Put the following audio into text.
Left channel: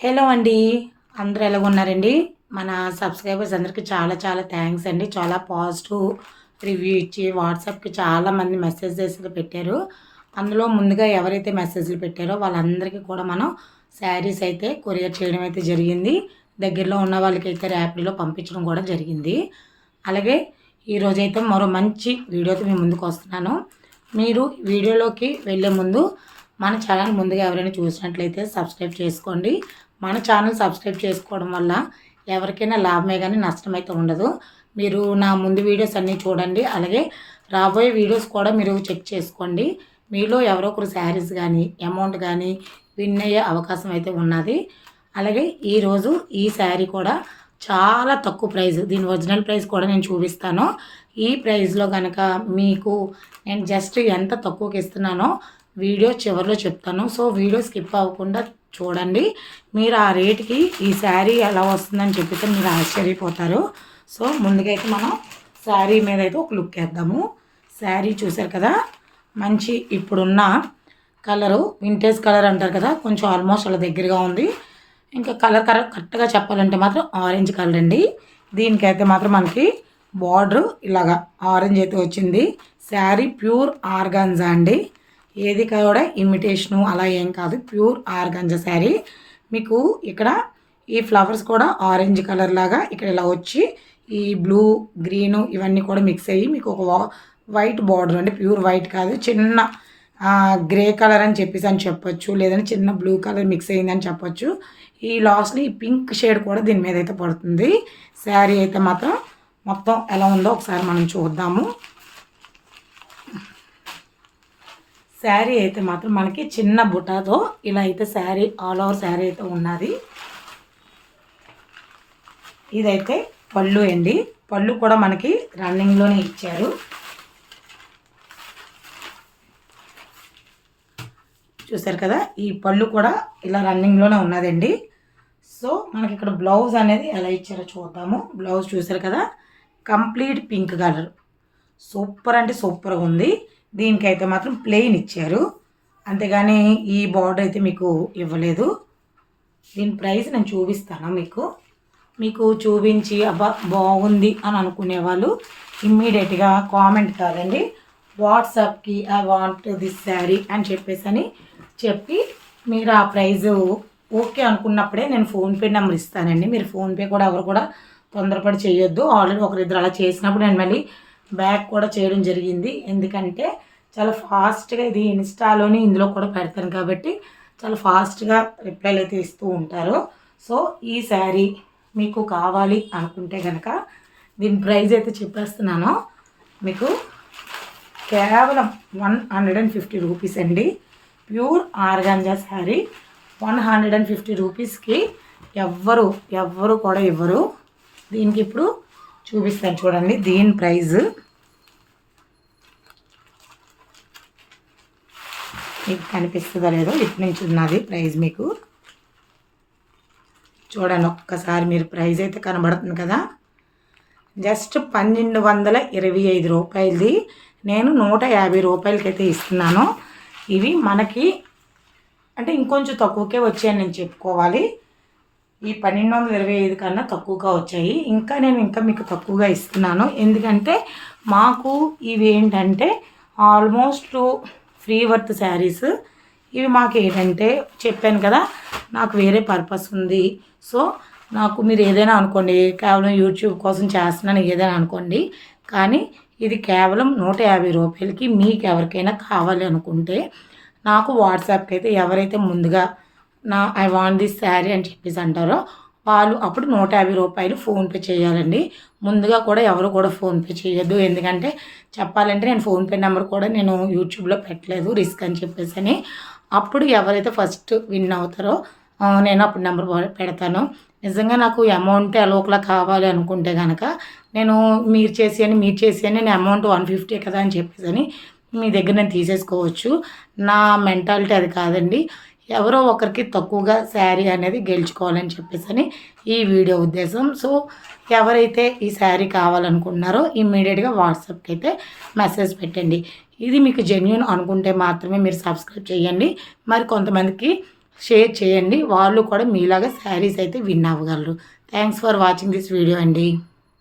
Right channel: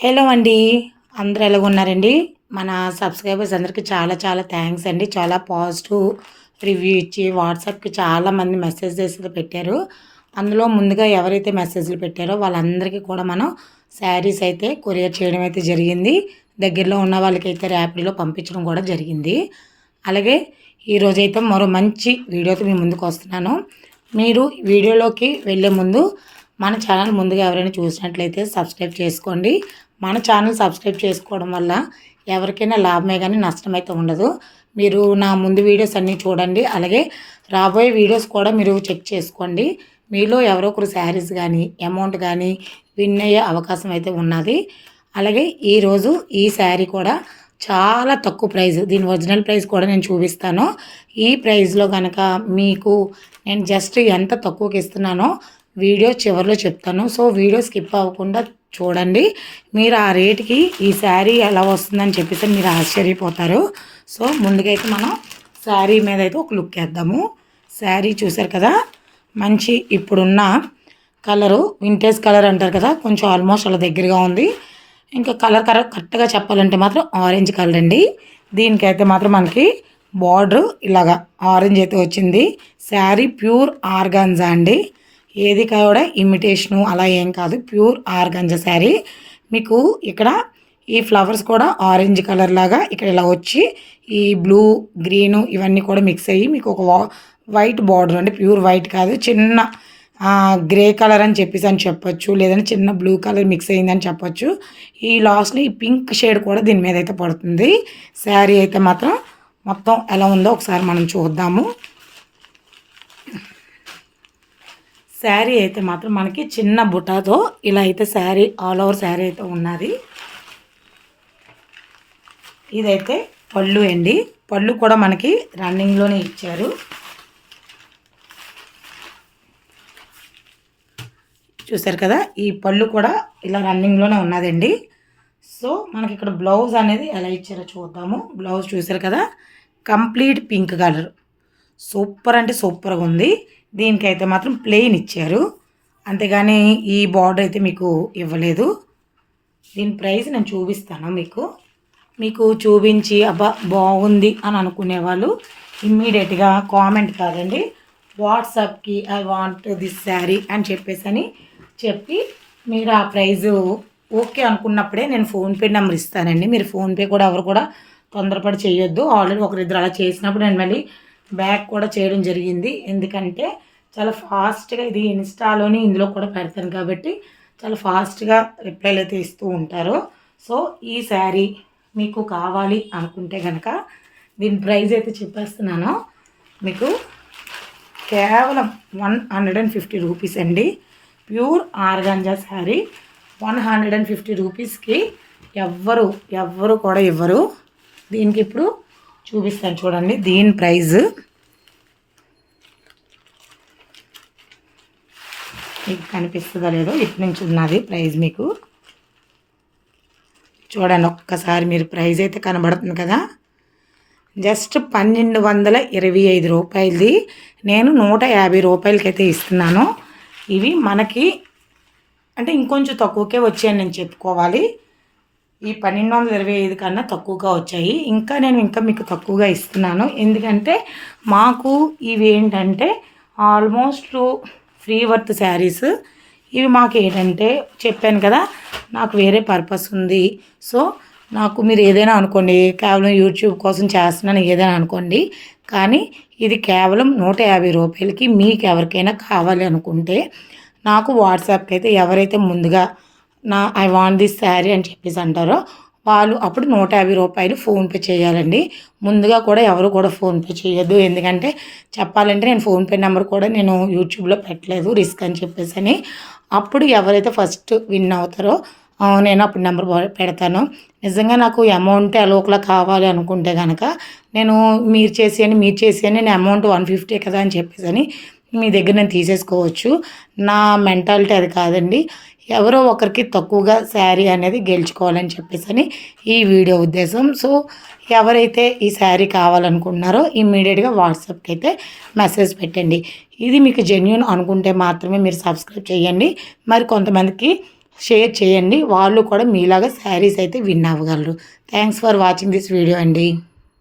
Hello అండి. అందరూ ఎలాగున్నారండి? మన సబ్స్క్రైబర్స్ అందరికీ చాలా చాలా థ్యాంక్స్ అండి. చాలా పాజిటివ్ రివ్యూ ఇచ్చి వాట్సాప్‌కి చాలామంది మెసేజెస్ పెట్టారు. అందులో ముందుగా ఎవరైతే మెసేజ్‌లు పెట్టారో వాళ్ళందరికీ కూడా మనం శారీస్ అయితే కొరియర్ చేయడం అయితే జరిగింది. దగ్గరలో ఉన్న వాళ్ళకైతే ర్యాపిడోలో పంపించడం కూడా జరిగింది. అలాగే ఈరోజైతే మరో మంచి వీడియోతో మీ ముందుకు వస్తున్నాను. మీరు వీడియోలోకి వెళ్ళే ముందు మన ఛానల్ ముందుగా ఎవరైనా చూసినట్లయితే సబ్స్క్రైబ్ చేసుకోండి. మన ఛానల్ సబ్స్క్రైబ్ చేసుకోవడం వల్ల ఎవరికైనా లాభమే కానీ నష్టమైతే ఉండదు. మీరు నా ముందు వీడియోస్ అన్నీ చూడండి. అలాగే రాబోయే వీడియోస్ కూడా మీరు చెక్ చేసుకోండి. మీలో ఎవరో ఒకరు శారీస్ కానీ అమౌంట్ కానీ విన్ అయ్యే అవకాశం అయితే ఉన్నది. అలాగే ఈరోజు ఈ శారీ కూడా చాలా తక్కువ ప్రైస్. దీని ఒరిజినల్ ప్రైస్ కూడా నేను చూపిస్తాను. ఈ ప్రైస్లో కనుక మీకు నేను జస్ట్ ఎంత తక్కువకి ఇస్తున్నానో వీడియో చివరిలో చెప్తాను. సో వీడియో స్కిప్ అవ్వకుండా చూడండి. మీరు ఆ రేటుకి ఈ శారీ ఎలా వస్తుందని చెప్పేసి మీరు ఆశ్చర్యపోతారు. సో ముందుగా అయితే మనం శారీ మీద అయితే ఒక లుక్ వేద్దాము. శారీ చూసారు కదా, మంచి ఇప్పుడున్న కలరు వింటేజ్ కలర్ అంటారు కదా, కొంచెం ఆల్మోస్ట్ అలా దగ్గరగా ఉంది. ఇంకా కలర్ కరెక్ట్గా చెప్పాలంటే మాత్రం ఆరెంజ్ కలర్ అండి. దీనికైతే మాత్రం మనకి బార్డర్ ఇలాగా ఆరెంజ్ అయితే వచ్చింది. శారీ ప్యూర్ ఆర్గాన్జా అండి. ఏది కూడా ఇమిటేషను అలా ఏం కాదు, ప్యూర్ ఆర్గాంజా శారీ. మీకు ఇక్కడ ఈ ఫ్లవర్స్ కూడా ఆరెంజ్ కలర్ లాగా ఇక్కడ ఇలా వచ్చి ఈ బ్లూ గ్రీను ఇవన్నీ కూడా మిక్స్ అయ్యి మీకు ఒక వైట్ బార్డర్, అంటే ప్యూర్ వైట్ కాదు, చిన్న గ్రే కలర్ అని చెప్పొచ్చు, లేదంటే చిన్న బ్లూ కలర్ మిక్స్ అయ్యిందని చెప్పొచ్చు. ఈ లాస్ట్లో ఈ పింక్ షేడ్ కూడా దీని మీద అయితే పడుతుంది. శారీ అయితే మాత్రం మొత్తం ఎలా ఉందో ఒకసారి మనం చూద్దాము. శారీ అయితే మాత్రం మనకి చిన్న బుటాతో ఇలా అయితే శారీ ఆల్ ఓవర్ శారీ అయితే ఉన్నది. ఇదైతే పళ్ళు అండి. పళ్ళు కూడా మనకి రన్నింగ్లోనే ఇచ్చారు. చూసారు కదా, ఈ పళ్ళు కూడా ఇలా రన్నింగ్లోనే ఉన్నదండి. సో మనకి ఇక్కడ బ్లౌజ్ అనేది ఎలా ఇచ్చారో చూద్దాము. బ్లౌజ్ చూసారు కదా, కంప్లీట్ పింక్ కలర్, సూపర్ అంటే సూపర్గా ఉంది. దీనికైతే మాత్రం ప్లెయిన్ ఇచ్చారు, అంతేగాని ఈ బార్డర్ అయితే మీకు ఇవ్వలేదు. దీని ప్రైస్ నేను చూపిస్తాను మీకు చూపించి అబ్బా బాగుంది అని అనుకునే వాళ్ళు ఇమ్మీడియట్గా కామెంట్ కాదండి, వాట్సాప్కి ఐ వాంట్ దిస్ శారీ అని చెప్పి మీరు ఆ ప్రైజు ఓకే అనుకున్నప్పుడే నేను ఫోన్పే నెంబర్ ఇస్తానండి. మీరు ఫోన్పే కూడా ఎవరు కూడా తొందరపడి చేయొద్దు. ఆల్రెడీ ఒకరిద్దరు అలా చేసినప్పుడు నేను మళ్ళీ బ్యాక్ కూడా చేయడం జరిగింది. ఎందుకంటే చాలా ఫాస్ట్గా ఇది ఇన్స్టాలోని ఇందులో కూడా పెడతాను కాబట్టి చాలా ఫాస్ట్గా రిప్లైలు అయితే ఇస్తూ ఉంటారు. సో ఈ శారీ మీకు కావాలి అనుకుంటే కనుక దీని ప్రైస్ అయితే చెప్పేస్తున్నాను. మీకు కేవలం 150 రూపీస్ అండి. ప్యూర్ ఆర్గాంజా శారీ 150 రూపీస్కి ఎవ్వరు కూడా ఇవ్వరు. దీనికి ఇప్పుడు చూపిస్తాను చూడండి. దీని ప్రైజ్ మీకు కనిపిస్తుందో లేదో, ఇటు నుంచి ఉన్నది ప్రైజ్ మీకు చూడండి ఒక్కసారి. మీరు ప్రైజ్ అయితే కనబడుతుంది కదా, జస్ట్ 1225 రూపాయలది నేను 150 రూపాయలకైతే ఇస్తున్నాను. ఇవి మనకి అంటే ఇంకొంచెం తక్కువకే వచ్చాయని నేను చెప్పుకోవాలి. ఈ 1225 కన్నా తక్కువగా వచ్చాయి. నేను మీకు తక్కువగా ఇస్తున్నాను. ఎందుకంటే మాకు ఇవి ఏంటంటే ఆల్మోస్ట్ ఫ్రీ వర్త్ శారీస్. ఇవి మాకు ఏంటంటే చెప్పాను కదా, నాకు వేరే పర్పస్ ఉంది. సో నాకు మీరు ఏదైనా అనుకోండి, కేవలం యూట్యూబ్ కోసం చేస్తున్నాను ఏదైనా అనుకోండి, కానీ ఇది కేవలం 150 రూపాయలకి మీకు ఎవరికైనా కావాలి అనుకుంటే నాకు వాట్సాప్కి అయితే ఎవరైతే ముందుగా ఐ వాంట్ దిస్ శారీ అని చెప్పేసి అంటారో వాళ్ళు అప్పుడు 150 రూపాయలు ఫోన్పే చేయాలండి. ముందుగా కూడా ఎవరు కూడా ఫోన్పే చేయొద్దు. ఎందుకంటే చెప్పాలంటే నేను ఫోన్పే నెంబర్ కూడా నేను యూట్యూబ్లో పెట్టలేదు, రిస్క్ అని చెప్పేసి. అప్పుడు ఎవరైతే ఫస్ట్ విన్ అవుతారో నేను అప్పుడు నెంబర్ పెడతాను. నిజంగా నాకు అమౌంట్ ఎలోకలా కావాలి అనుకుంటే కనుక మీరు చేసి నేను అమౌంట్ 150 కదా అని చెప్పేసి మీ దగ్గర నేను తీసేసుకోవచ్చు. నా మెంటాలిటీ అది కాదండి. ఎవరో ఒకరికి తక్కువగా శారీ అనేది గెలుచుకోవాలని చెప్పేసి ఈ వీడియో ఉద్దేశం. సో ఎవరైతే ఈ శారీ కావాలనుకుంటున్నారో ఇమ్మీడియట్గా వాట్సాప్కి అయితే మెసేజ్ పెట్టండి. ఇది మీకు జెన్యూన్ అనుకుంటే మాత్రమే మీరు సబ్స్క్రైబ్ చేయండి. మరి కొంతమందికి షేర్ చేయండి. వాళ్ళు కూడా మీలాగా శారీస్ అయితే విన్ అవ్వగలరు. Thanks for watching this video అండి.